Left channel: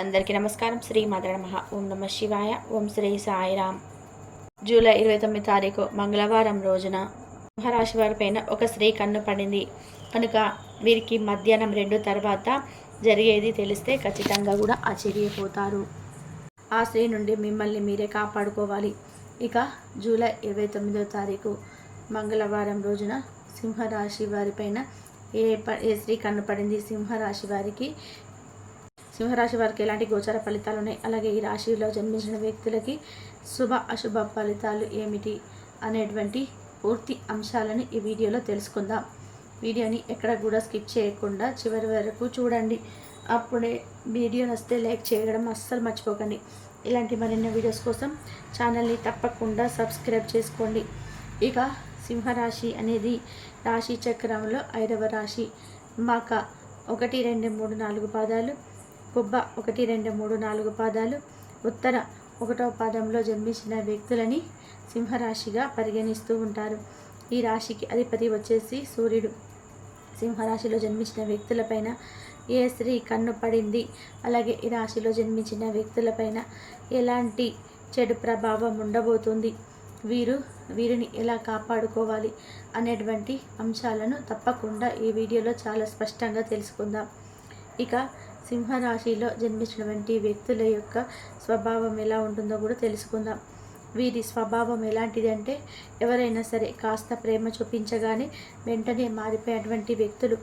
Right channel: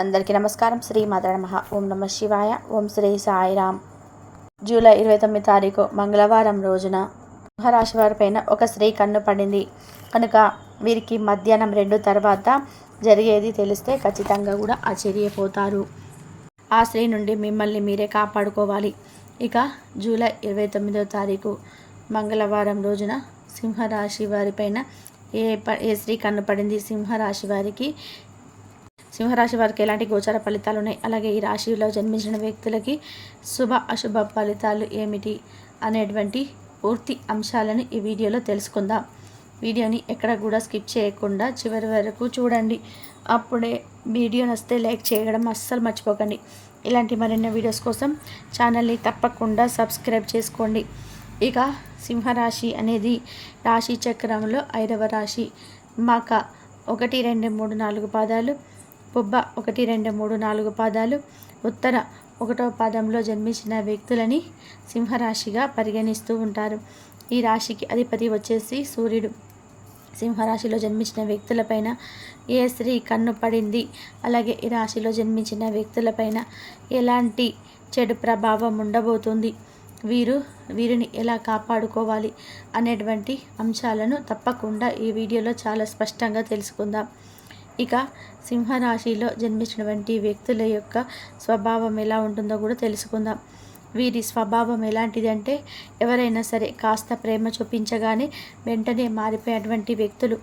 అందరికీ నమస్కారం. శ్రీ మాత్రే నమః. ఓం నమ శివాయ. ఓం శ్రీ సాయిరామ్. జూలై 29 తారీఖు మంగళవారం రోజున సింహరాశి వారిపైన ఒక స్త్రీ కన్ను పడింది కనుక వీరికి మధ్యాహ్నం 2 తర్వాత జరిగేది తెలిస్తే ఖచ్చితంగా కూడా ఆశ్చర్యపోతారు. ఆ స్త్రీ నుండి మిమ్మల్ని మీరే కాపాడుకోవాలి. ఇక జూలై 29వ తారీఖు మంగళవారం రోజున సింహరాశి వారిపైన ఏ స్త్రీ కన్ను పడింది, సింహరాశి వారికి ఎలాంటి గోచర ఫలితాలు ఉన్నాయి, అలాగే ఈ రాశిలో జన్మించిన వ్యక్తులకి శుభ అశుభ ఫలితాలు ఏమిటి అనేటువంటి పూర్తి అంశాలను ఈ వీడియోలో తెలుసుకుందాం. వీడియోని ఎక్కడ కూడా స్కిప్ చేయకుండా చివరి వరకు చూడండి. అప్పుడే వీడియో నచ్చితే లైక్ చేయడం అస్సలు మర్చిపోకండి. ఇలాంటి మరిన్ని వీడియోస్ కోసం ఛానల్ని తప్పకుండా సబ్స్క్రైబ్ చేసుకోండి. ఇక సింహరాశి అనేది రాశి చక్రంలో 5వ రాశి. మక 1, 2, 3, 4 పాదాలు, పుబ్బ 1, 2, 3, 4 పాదాలు, ఉత్తర 1వ పాదంలో జన్మించిన వ్యక్తులని సింహరాశిగా పరిగణిస్తూ ఉంటారు. ఈ రాశికి అధిపతి వచ్చేసి సూర్యుడు. సింహరాశిలో జన్మించిన వ్యక్తులపైన ఏ స్త్రీ కన్ను పడింది, అలాగే ఈ రాశిలో జన్మించిన వ్యక్తులపైన ఎలాంటి చెడు ప్రభావం ఉండబోతుంది, వీరిని ఎలా కాపాడుకోవాలి అనేటువంటి అంశాలను తప్పకుండా ఈ వీడియోలో చాలా స్పష్టంగా తెలుసుకుందాం. ఇక సింహరాశిలో జన్మించినటువంటి వ్యక్తుల యొక్క స్వభావం ఎలా ఉంటుందో కూడా తెలుసుకుందాం. వీరి స్వభావం ఎలాంటిది అంటే, ఎవరైనా సరే కాస్త ప్రేమ చూపించగానే వెంటనే మారిపోయేటువంటి వ్యక్తులు.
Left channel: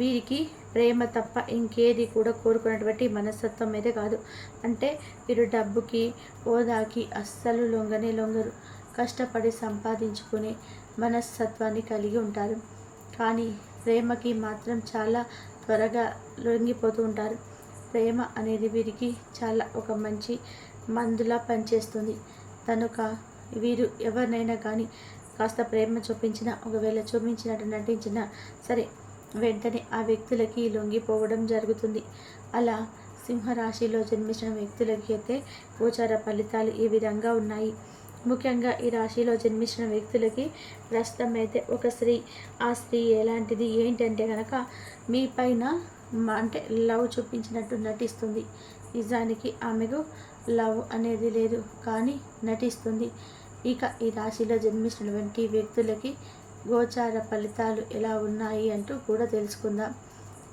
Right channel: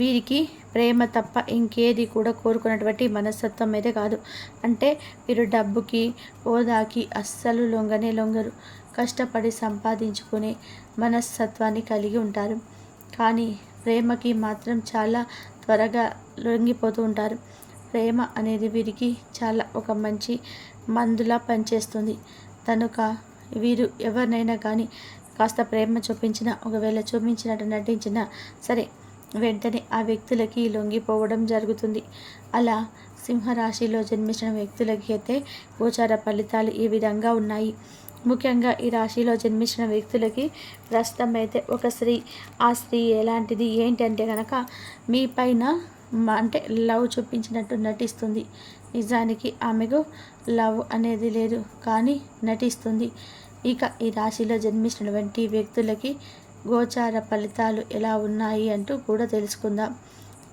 వీరికి ప్రేమ తప్ప ఇంకేది కూడా కోరుకున్నటువంటి మనస్తత్వం అయితే కాదు. అంటే వీరు డబ్బుకి హోదాకి అస్సలు లొంగరు. కష్టపడి సంపాదించుకునే మనస్తత్వాన్ని కలిగి ఉంటారు. కానీ ప్రేమకి మాత్రం చాలా త్వరగా లొంగిపోతూ ఉంటారు. ప్రేమ అనేది వీరికి చాలా ఒక మంచి మందులా పనిచేస్తుంది. కనుక వీరు ఎవరినైనా కానీ కాస్త ప్రేమ చూపించినా, ఒకవేళ చూపించినట్టు నటించినా సరే వెంటనే ఆ వ్యక్తులకి లొంగిపోవడం జరుగుతుంది. అలా సింహరాశిలో జన్మించిన వ్యక్తులకి అయితే గోచార ఫలితాలు ఈ విధంగా ఉన్నాయి. ముఖ్యంగా ఈ రాశిలో జన్మించిన వ్యక్తులకి ప్రస్తుతం అయితే ఒక స్త్రీ, ఆ స్త్రీ ఎలాంటిది ఏంటంటే కనుక మీ పైన అంటే లవ్ చూపించినట్టు నటిస్తుంది. నిజానికి ఆమెకు లవ్ అనేది లేదు, కానీ నటిస్తుంది. ఇక ఈ రాశిలో జన్మించినటువంటి వ్యక్తులకి గోచార ఫలితాలు ఎలా ఉన్నాయి అంటూ కూడా తెలుసుకుందాం.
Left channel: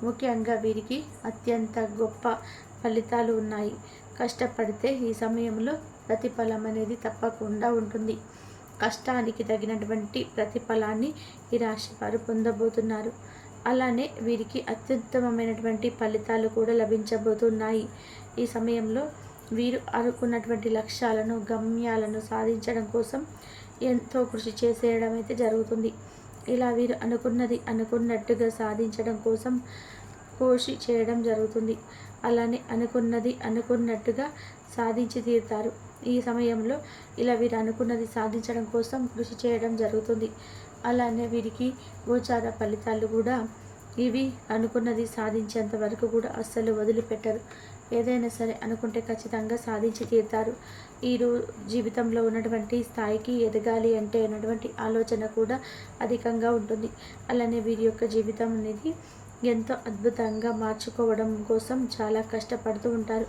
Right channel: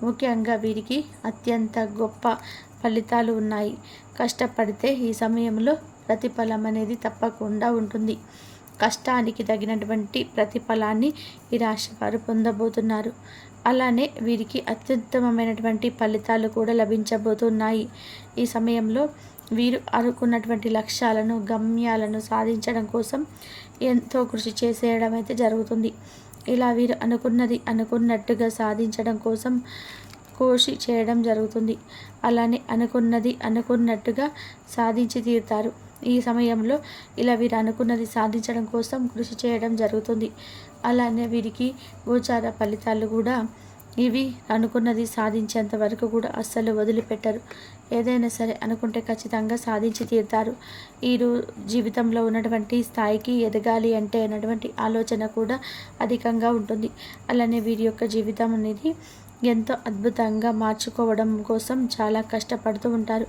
ముఖ్యంగా వీరికి అత్యంత గొప్ప ఫలితాలు ఉన్నాయి. కష్టపడితే ఈ సమయంలో ప్రతిఫలం అనేది తప్పకుండా ఉంటుంది. కష్టానికి తగినటువంటి ప్రతిఫలాన్ని ఈ రాశి వారు పొందబోతున్నారు. అలానే వీరికి అత్యుత్తమమైనటువంటి ఫలితాలు కూడా లభించబోతున్నాయి. ఈ సమయంలో వీరు అనుకున్నటువంటి లక్ష్యాలను, గమ్యాలను సాధించడం కోసం ఎంతో కృషి చేసేయడం అయితే జరుగుతుంది. ఇలా వీరు అనుకున్నట్టుగా సాధించడం కోసం కృషి చేయడం జరుగుతుంది. అలానే అనుకున్నట్టుగా సాధించి తీరుతారు. ఈ సమయంలో ఇలా వీరు అనుకున్నది సాధించడం కోసం కృషి చేయడం జరుగుతుంది. అలానే వీరికి గోచార ఫలితాలు కూడా ఇవి అనుకున్నది సాధించేంత వరకు కూడా అస్సలు వదిలిపెట్టరు. ఏదైనా సరే అనుకుంటే ఖచ్చితంగా సాధించి తీరుతారు. వీరు జీవితంలో ఉన్నటువంటి స్థాయికి ఎదగాలి అంటే అన్నటువంటి ఆలోచన కూడా అధికంగా ఉంటుంది. అలానే వీరి యొక్క జీవితం అనేది ఎంతో అద్భుతంగా మార్చుకోవడం కోసం చాలా కష్టపడుతూ ఉంటారు.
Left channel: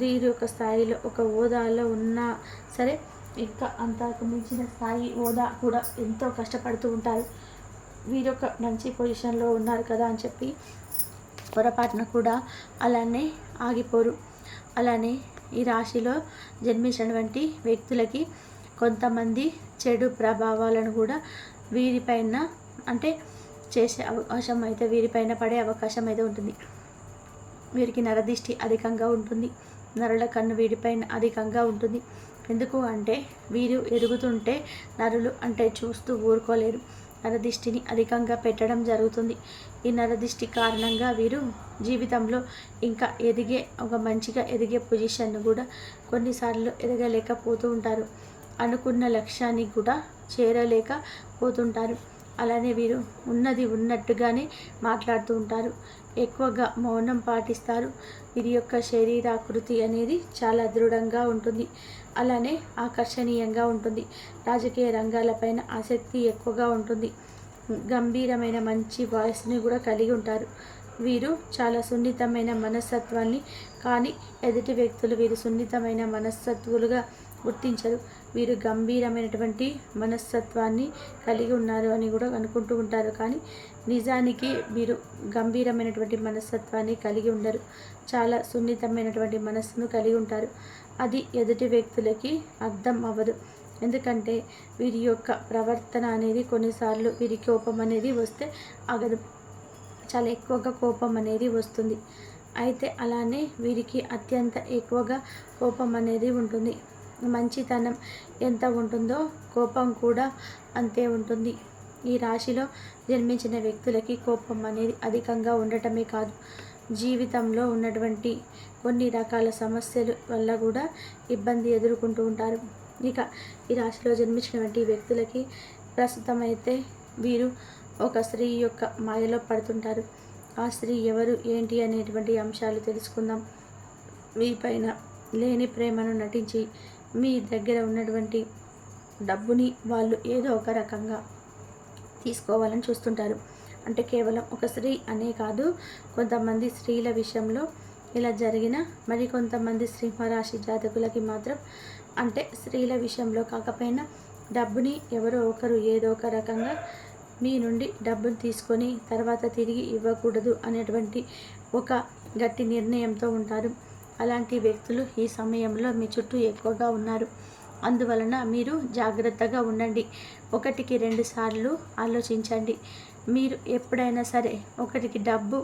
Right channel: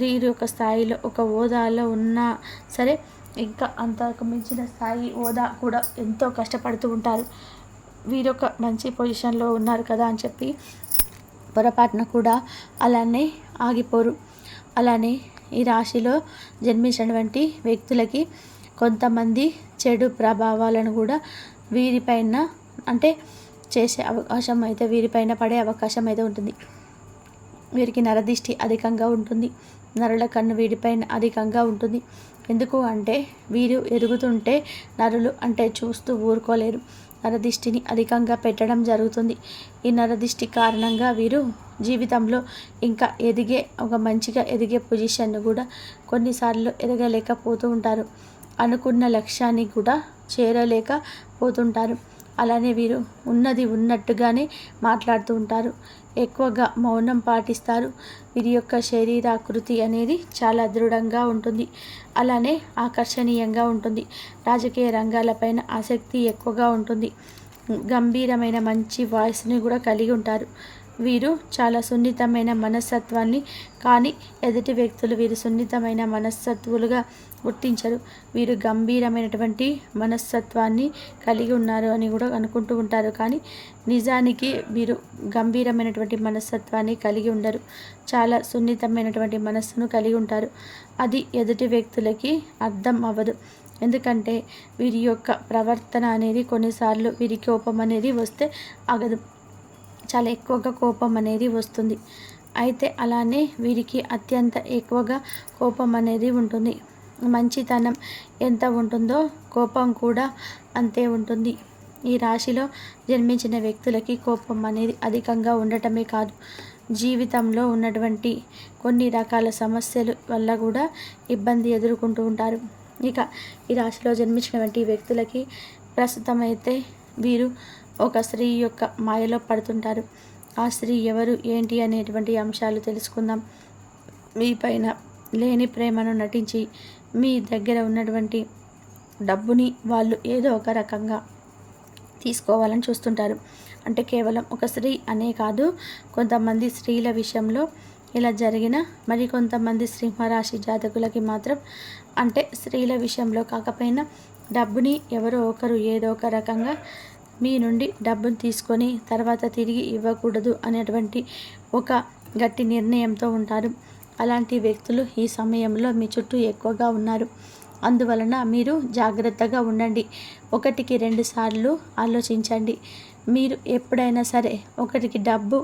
వీరి యొక్క స్థాయిలో ఒక హోదాలో ఉన్నా సరే ఇంకా అంతకు మించిన స్థాయి హోదా కూడా ఎంతో కష్టపడుతూ ఉంటారు. వీరు ఒక మంచి పొజిషన్లో ఉన్నారు కదా అని చెప్పి పొరపాటున కూడా అలానే ఆగిపోరు. అలానే ఈ రాశిలో జన్మించినటువంటి వ్యక్తులకి కొంతమంది చెడు ప్రభావాలను కూడా వీరిపైన అంటే చేసే అవకాశం అయితే వీరిపైన పడే అవకాశం అయితే ఉంటుంది. వీరికి నరదిష్టి అధికంగా ఉంటుంది. నరుల కన్ను వీరిపైన అధికంగా ఉంటుంది. ఎందుకు అంటే వీరు ఎదుగుతుంటే నరులు అంటే చూస్తూ ఊరుకోలేరు. నరదిష్టిని అధికంగా పెట్టడం జరుగుతుంది. ఈ నరదిష్టి కారణంగా వీరు జీవితంలో ఇంకా మంచిగా ఎదిగే పొజిషన్ను కూడా కొన్నిసార్లు ఎదగలేకపోతూ ఉంటారు. అనుకున్న లక్ష్యాన్ని కూడా చేరలేకపోతుంటారు. అలానే వీరు ఉన్నది ఉన్నట్టుగానే మాట్లాడుతూ ఉంటారు. ఎక్కువగా మౌనం పాటిస్తారు. వీరి యొక్క శరీరాకృతి అనేది చాలా దృఢంగా ఉంటుంది. అలానే ఆకర్షణీయంగా ఉంటుంది. రాజకీయ రంగాలపైన ఆసక్తి ఎక్కువగా ఉంటుంది. గంభీరమైన మంచి వాయిస్ని కూడా కలిగి ఉంటారు. వీరు చాలా సున్నితమైన మనస్తత్వాన్ని, కానీ ఎదుటి వ్యక్తులు వీరు సున్నితమైన మనస్తత్వులుగా గుర్తించరు. వీరు గంభీరమైనటువంటి మనస్తత్వాన్ని కలిగి ఉన్నారు అని కూడా అనుకుంటూ ఉంటారు, కానీ నిజానికి వీరు గంభీరమైనటువంటి మనస్తత్వాన్ని కలిగి ఉండరు. చాలా సున్నితమైనటువంటి మనస్సును కలిగి ఉంటారు. అది ఎదుటి వ్యక్తులకి అర్థం అవ్వదు. ఎందుకంటే వీరి యొక్క ప్రవర్తన అనేది కొన్నిసార్లు వీరి కోపం అనేది వస్తే ఆగదు. చాలా ఎక్కువగా కోపం అనేది వస్తుంది. అయితే అలానే వీరికి అత్యంత ఎక్కువగా కోపం అనేది ఉంటుంది. మంచితనం ఎంత ఉంటుందో కోపం కూడా అంతే ఉంటుంది. ఈ రాశిలో జన్మించిన వ్యక్తులకి కోపం అనేది అధికంగా ఉండటమే కాదు, జీవితంలో ఉన్నటువంటి కొన్ని రకాల సమస్యల వల్ల కూడా ఇబ్బంది ఎదుర్కొంటూ ఉంటారు. ఇక ఈ రాశిలో జన్మించినటువంటి వ్యక్తులకి ప్రస్తుతం అయితే వీరు ఒక స్త్రీ యొక్క మాయలో పడుతుంటారు. ఆ స్త్రీ ఎవరు ఏంటి అనేటువంటి అంశాలు తెలుసుకుందాం. మీ పైన లేని ప్రేమను నటించి మీ దగ్గర ఉన్నటువంటి డబ్బుని వాళ్ళు ఏదో ఒక రకంగా తీసుకోవాలని చూస్తుంటారు. అంటే కేవలం ఒక స్త్రీ అనే కాదు, కొంతమంది స్త్రీల విషయంలో ఇలా జరిగిన మరికొంతమంది సింహరాశి జాతకులకి మాత్రం, అంటే స్త్రీల విషయంలో కాకపోయినా డబ్బుని ఎవరో ఒకరు ఏదో ఒక రకంగా మీ నుండి డబ్బును తీసుకొని తర్వాత తిరిగి ఇవ్వకూడదు అనేటువంటి ఒక గట్టి నిర్ణయంతో ఉంటారు. అలాంటి వ్యక్తులు ఈ సమయంలో మీ చుట్టూ ఎక్కువగా ఉన్నారు. అందువలన మీరు జాగ్రత్తగా ఉండండి. 1-2 సార్లు ఆలోచించండి. మీరు ఎప్పుడైనా సరే ఒకరికి డబ్బు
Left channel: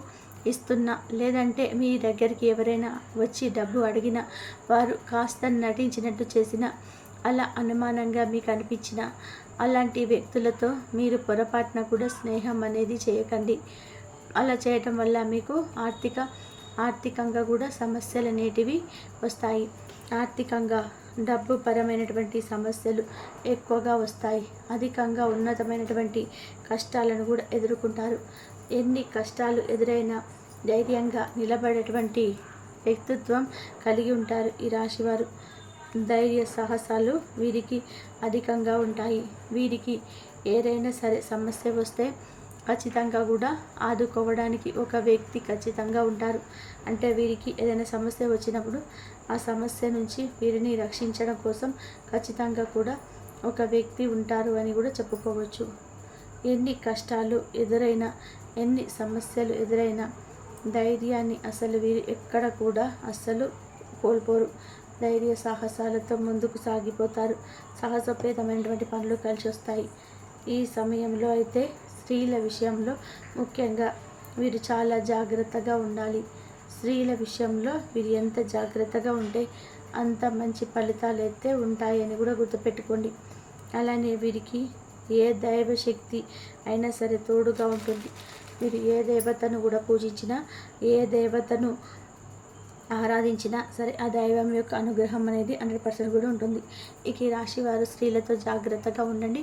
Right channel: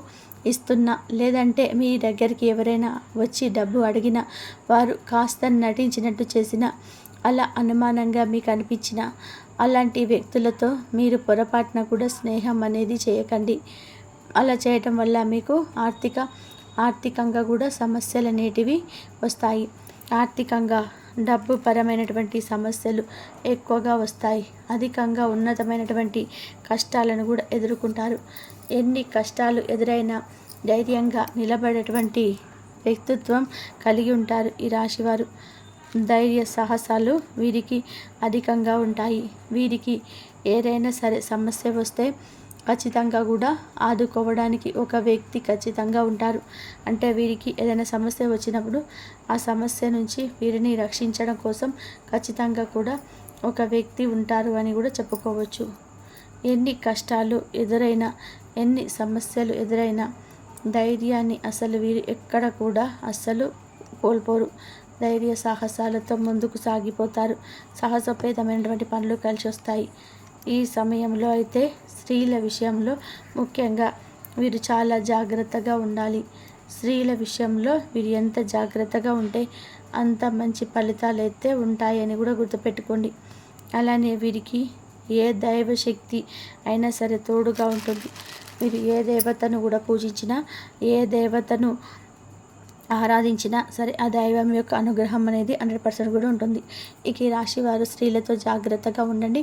ఇస్తున్నా, లేదంటే మీ దగ్గరికి ఎవరైనా వచ్చి డబ్బు అడిగినా, వారు కాస్త నటించినట్టు చేసినా, అలా అనుమానంగా మీకు అనిపించిన అలాంటి వ్యక్తులతో మీరు పొరపాటున కూడా స్నేహం అనేది చేయకండి. అలా చేయటం వల్ల మీకు ఆర్థికంగా కూడా సమస్యలు అనేటివి వస్తాయి. ఆర్థికంగా డబ్బు పరమైనటువంటి సమస్యలు ఎక్కువగా వస్తాయి. అధికంగా ఉన్నతమైనటువంటి కష్టాలను కూడా ఎదుర్కొంటారు. ఎన్ని కష్టాలు ఎదురైనా ధైర్యంగా నిలబడేటువంటి వ్యక్తిత్వం కలిగి ఉంటారు ఈ రాశివారు. ధైర్య సాహసాలు వీరికి అధికంగా ఉంటాయి. వీరికి ఏదైనా సరే సమస్య వస్తే ఖచ్చితంగా కూడా ఆదుకోవడానికి ఒక వ్యక్తి ఖచ్చితంగా ఉంటారు. అంటే వీరికి ఏదైనా సమస్య వచ్చినప్పుడు ఆ సమస్య నుంచి వీరిని రక్షించడం కోసం ఖచ్చితంగా కూడా ఒక వ్యక్తి ఉంటారు అని కూడా చెప్పుకోవచ్చు. ఎన్ని కష్టాలు ఎదురైనా, ఎన్ని సమస్యలు ఎదురైనా ధైర్యాన్ని అసలు వీరు ఎక్కడ కూడా అస్సలు కోల్పోరు. ధైర్య సాహసాలతో ముందుకు సాగిపోతారు. సాహసోపేతమైనటువంటి పనులు కలిసి వస్తాయి. ఈ సమయంలో అయితే స్త్రీల విషయంలో ముఖ్యంగా వీరు చాలా జాగ్రత్తగా ఉండాలి. స్త్రీల విషయంలో వీరు ఎంత జాగ్రత్తగా ఉంటే అంత మంచి ఫలితాలు అయితే ఉంటాయని కూడా గుర్తుపెట్టుకోండి. అలానే వీరికి ఏ దైవశక్తి అయినా సరే తోడుగా ఉంటుంది. మీరు ఏ దేవతను కూడా పూజించినా, ఏ దేవతను ఆరాధించినా సరే ఆ దైవం యొక్క అనుగ్రహం అనేది 100% కూడా ఉంటుంది. ఇక ఈ రాశి వారు స్త్రీలతో జాగ్రత్తగా ఉండండి.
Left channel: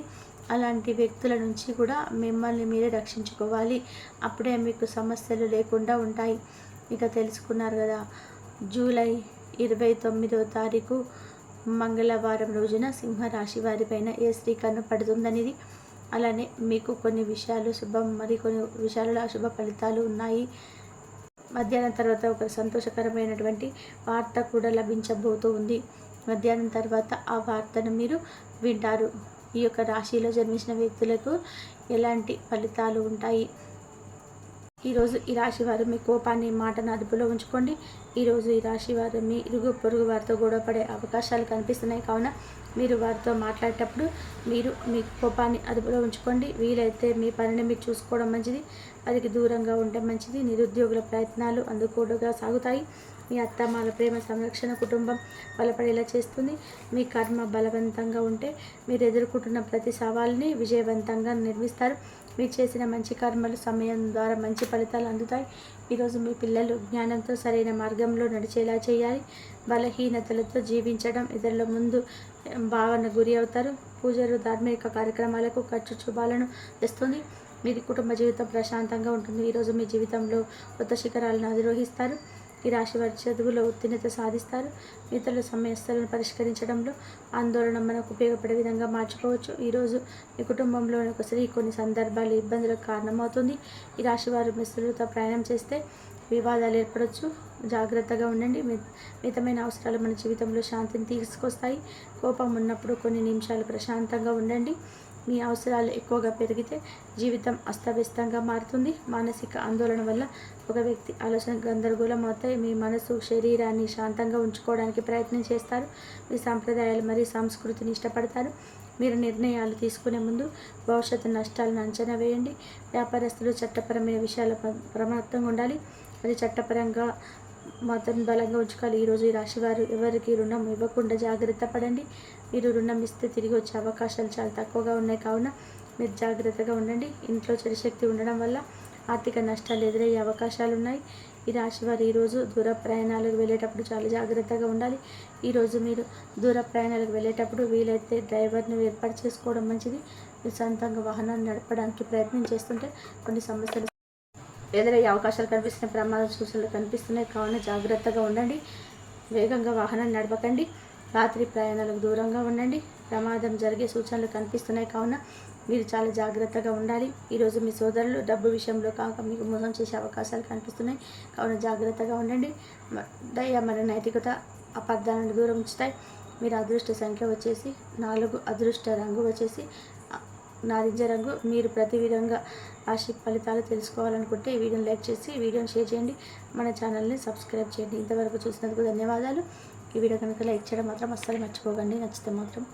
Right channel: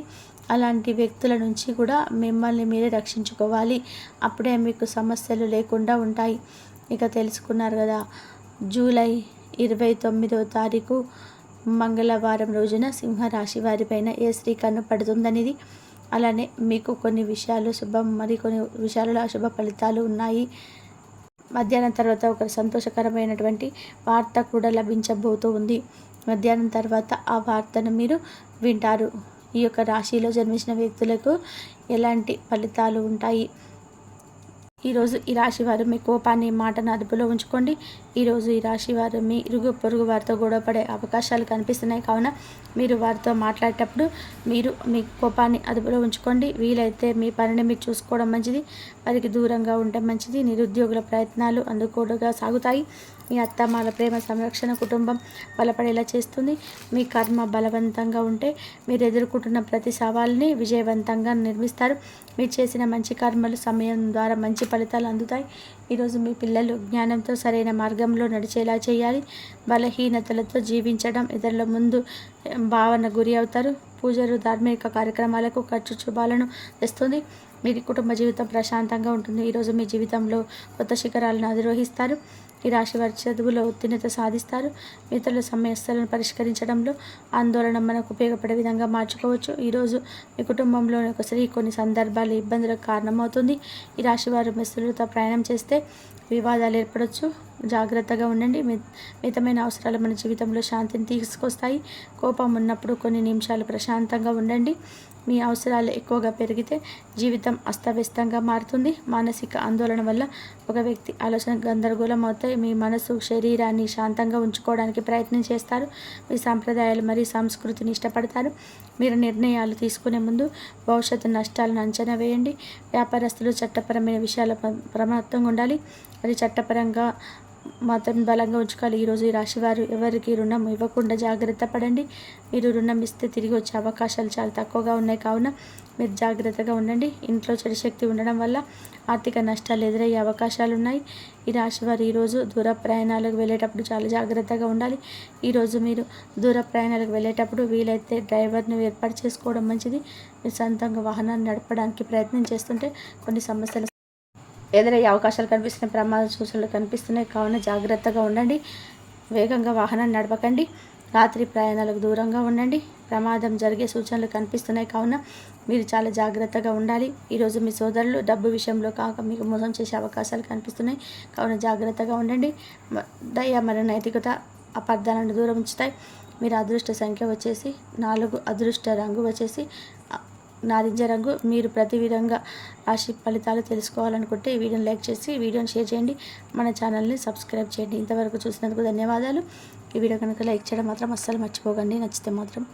అలాంటి వ్యక్తుల నుంచి కూడా మిమ్మల్ని మీరే రక్షించుకోవాలి. అప్పుడే మీకు సమస్యలు లేకుండా ఉంటాయి. ఇక తెలుసుకున్నారు కదా, జూలై 29వ తారీఖు మంగళవారం రోజున సింహరాశి వారిపైన ఏ స్త్రీ కన్ను పడుతుందనేది. అలానే మీకు కొన్ని విషయాలు శుభం, మరి కొన్ని విషయాలలో అశుభ ఫలితాలు ఉన్నాయి. మధ్యాహ్నం తర్వాత ఒక సంతోషకరమైనటువంటి వార్త కూడా లభించబోతూ ఉంది. మధ్యాహ్నం తర్వాత ఆ వార్తను మీరు వింటారు. ఈ యొక్క రాశిలో జన్మించిన వ్యక్తులకు ఎలాంటి ఫలితాలు ఉంటాయి. ఈరోజు ఈ రాశి వారు మీ కోపాన్ని, మాటను అదుపులో ఉంచుకోండి. ఈరోజు ఈ రాశి వారు మీ ఇరుగు పొరుగు వారితో గొడవపడే అవకాశాలు కనిపిస్తున్నాయి. కావున మీరు వారితో మాట్లాడేటప్పుడు మీరు మీ కోపాన్ని అదుపులో ఉంచుకోండి. వీలైతే మీ పనిని మీరు చూసుకోవడం మంచిది. వారికి దూరంగా ఉండటం మంచిది. నిరుద్యోగుల ప్రయత్నాలు అందుకోడుగా సాగుతాయి. మీ అత్తమాల ప్రేమ సంరక్షణ కుటుంబం బలపడేలా చేస్తుంది. మీ కర్మ బలవంతంగా ఉంటే మీరు ఎదుర్కొంటున్న ప్రతి సవాల్ని విజయవంతంగా నిర్మిస్తారు. మీరు చేసిన మంచి కర్మలు సమయం ద్వారా మంచి ఫలితాలు అందుతాయి. ఈరోజు మీ పిల్లలు జ్ఞానంతో సరైన మార్గంలో నడిచేలా చేయాలి. బలహీనతలతో జీవించడం ఇతరుల ముందు భావన గురి అవుతారు. పూజలు, ధార్మిక కార్యక్రమాలకు ఖర్చు శుభాలను తెస్తుంది. మీ కుటుంబ జీవితం ప్రశాంతంగా ఉంటుంది. ఈరోజు మీ జీవితంలో కొత్త శిఖరాలను అధిరోహిస్తారు. ఈ రాశి వారి చదువులో ఉత్తీర్ణత సాధిస్తారు. ఇతరుల సమస్యలను పరిష్కరించడంలో ఆందోళన మనకు ఉపయోగపడే విధంగా మార్చుకోవచ్చు. ఈరోజు మీ కుటుంబంలోని ఒక స్త్రీ కొన్ని సందర్భాలు ఇబ్బందులకు కారణమవుతుంది. ఈ రాశి వారు మిత్రులతో ప్రయాణం చేస్తే వివాదాలు ఏర్పడవచ్చు. జాగ్రత్తగా ఉండండి. మితమైన అవసరాలు మన జీవితంలో శాంతిని తీసుకొస్తాయి. కోపం ఉన్నప్పుడు కొన్ని నిమిషాలు ప్రశాంతంగా ఉండండి. మీ అవసరాలు ఎక్కువగా పెరిగితే జీవితం అస్తవ్యస్తంగా మారుతుంది. మానసిక ఆందోళన వల్ల ఒక వ్యక్తి ఆలోచన గందరగోళం అవుతాయి. మీ మనసు శరీరాన్ని శాంతంగా ఉంచుకోవడానికి ప్రయత్నం చేస్తారు. మీ సాంప్రదాయాలు మరియు సంస్కృతిని ఇష్టపడతారు. మీరు నిర్ణయాలు తీసుకునే ముందు భవిష్యత్తు నష్టాలను అంచనా వేయండి. వ్యాపారస్తులు చట్టపరమైన విషయాల ప్రమత్తంగా ఉండాలి. అది చట్టపరంగా మాత్రం బలంగా ఉంచుకోవాలి. ఈరోజు ఈ రాశివారు ఎవరికి రుణం ఇవ్వకుండా జాగ్రత్త పడండి. మీరు రుణం ఇస్తే తిరిగి వచ్చే అవకాశాలు చాలా తక్కువగా ఉన్నాయి కావున మీరు జాగ్రత్తగా ఉండండి. ఇంట్లో చెడు శక్తి ఉండడం వల్ల ఆర్థిక నష్టాలు ఎదురయ్యే అవకాశాలు ఉన్నాయి. ఈ రాశివారు ఈరోజు దూర ప్రయాణాలకు వెళ్ళేటప్పుడు చాలా జాగ్రత్తగా ఉండాలి. ఈరోజు మీరు దూర ప్రయాణాలకు వెళ్ళేటప్పుడు వీలైతే డ్రైవర్ను ఏర్పాటు చేసుకోవడం మంచిది. మీరు సొంతంగా వాహనాన్ని నడపడానికి ప్రయత్నం చేస్తుంటే కొన్ని సమస్యలు ఎదురయ్యే అవకాశాలు కనిపిస్తున్నాయి. ప్రమాద సూచనలు కనిపిస్తున్నాయి కావున జాగ్రత్తగా ఉండండి. వేగంగా వాహనాన్ని నడపకండి. రాత్రి ప్రయాణాలకు దూరంగా ఉండండి. ప్రమాదం జరిగే సూచనలు కనిపిస్తున్నాయి కావున మీరు చాలా జాగ్రత్తగా ఉండాలి. ఈరోజు మీ సోదరులు డబ్బు విషయంలో కాక మీకు మోసం చేసే అవకాశాలు కనిపిస్తున్నాయి కావున జాగ్రత్తగా ఉండండి. దయ మరియు నైతికత అపార్థాలను దూరం ఉంచుతాయి. మీరు అదృష్ట సంఖ్య వచ్చేసి 4, అదృష్ట రంగు వచ్చేసి నారింజ రంగు. మీరు ప్రతి విధంగా రాశి ఫలితాలు తెలుసుకోవాలనుకుంటే ఈ వీడియోని లైక్ చేసి వీడియోని షేర్ చేయండి. మన ఛానల్ని సబ్స్క్రైబ్ చేయండి. ఇంతవరకు చూసినందుకు ధన్యవాదాలు. ఈ వీడియో కనుక లైక్ చేయడం మాత్రం అస్సలు మర్చిపోకండి. నచ్చితే మాత్రం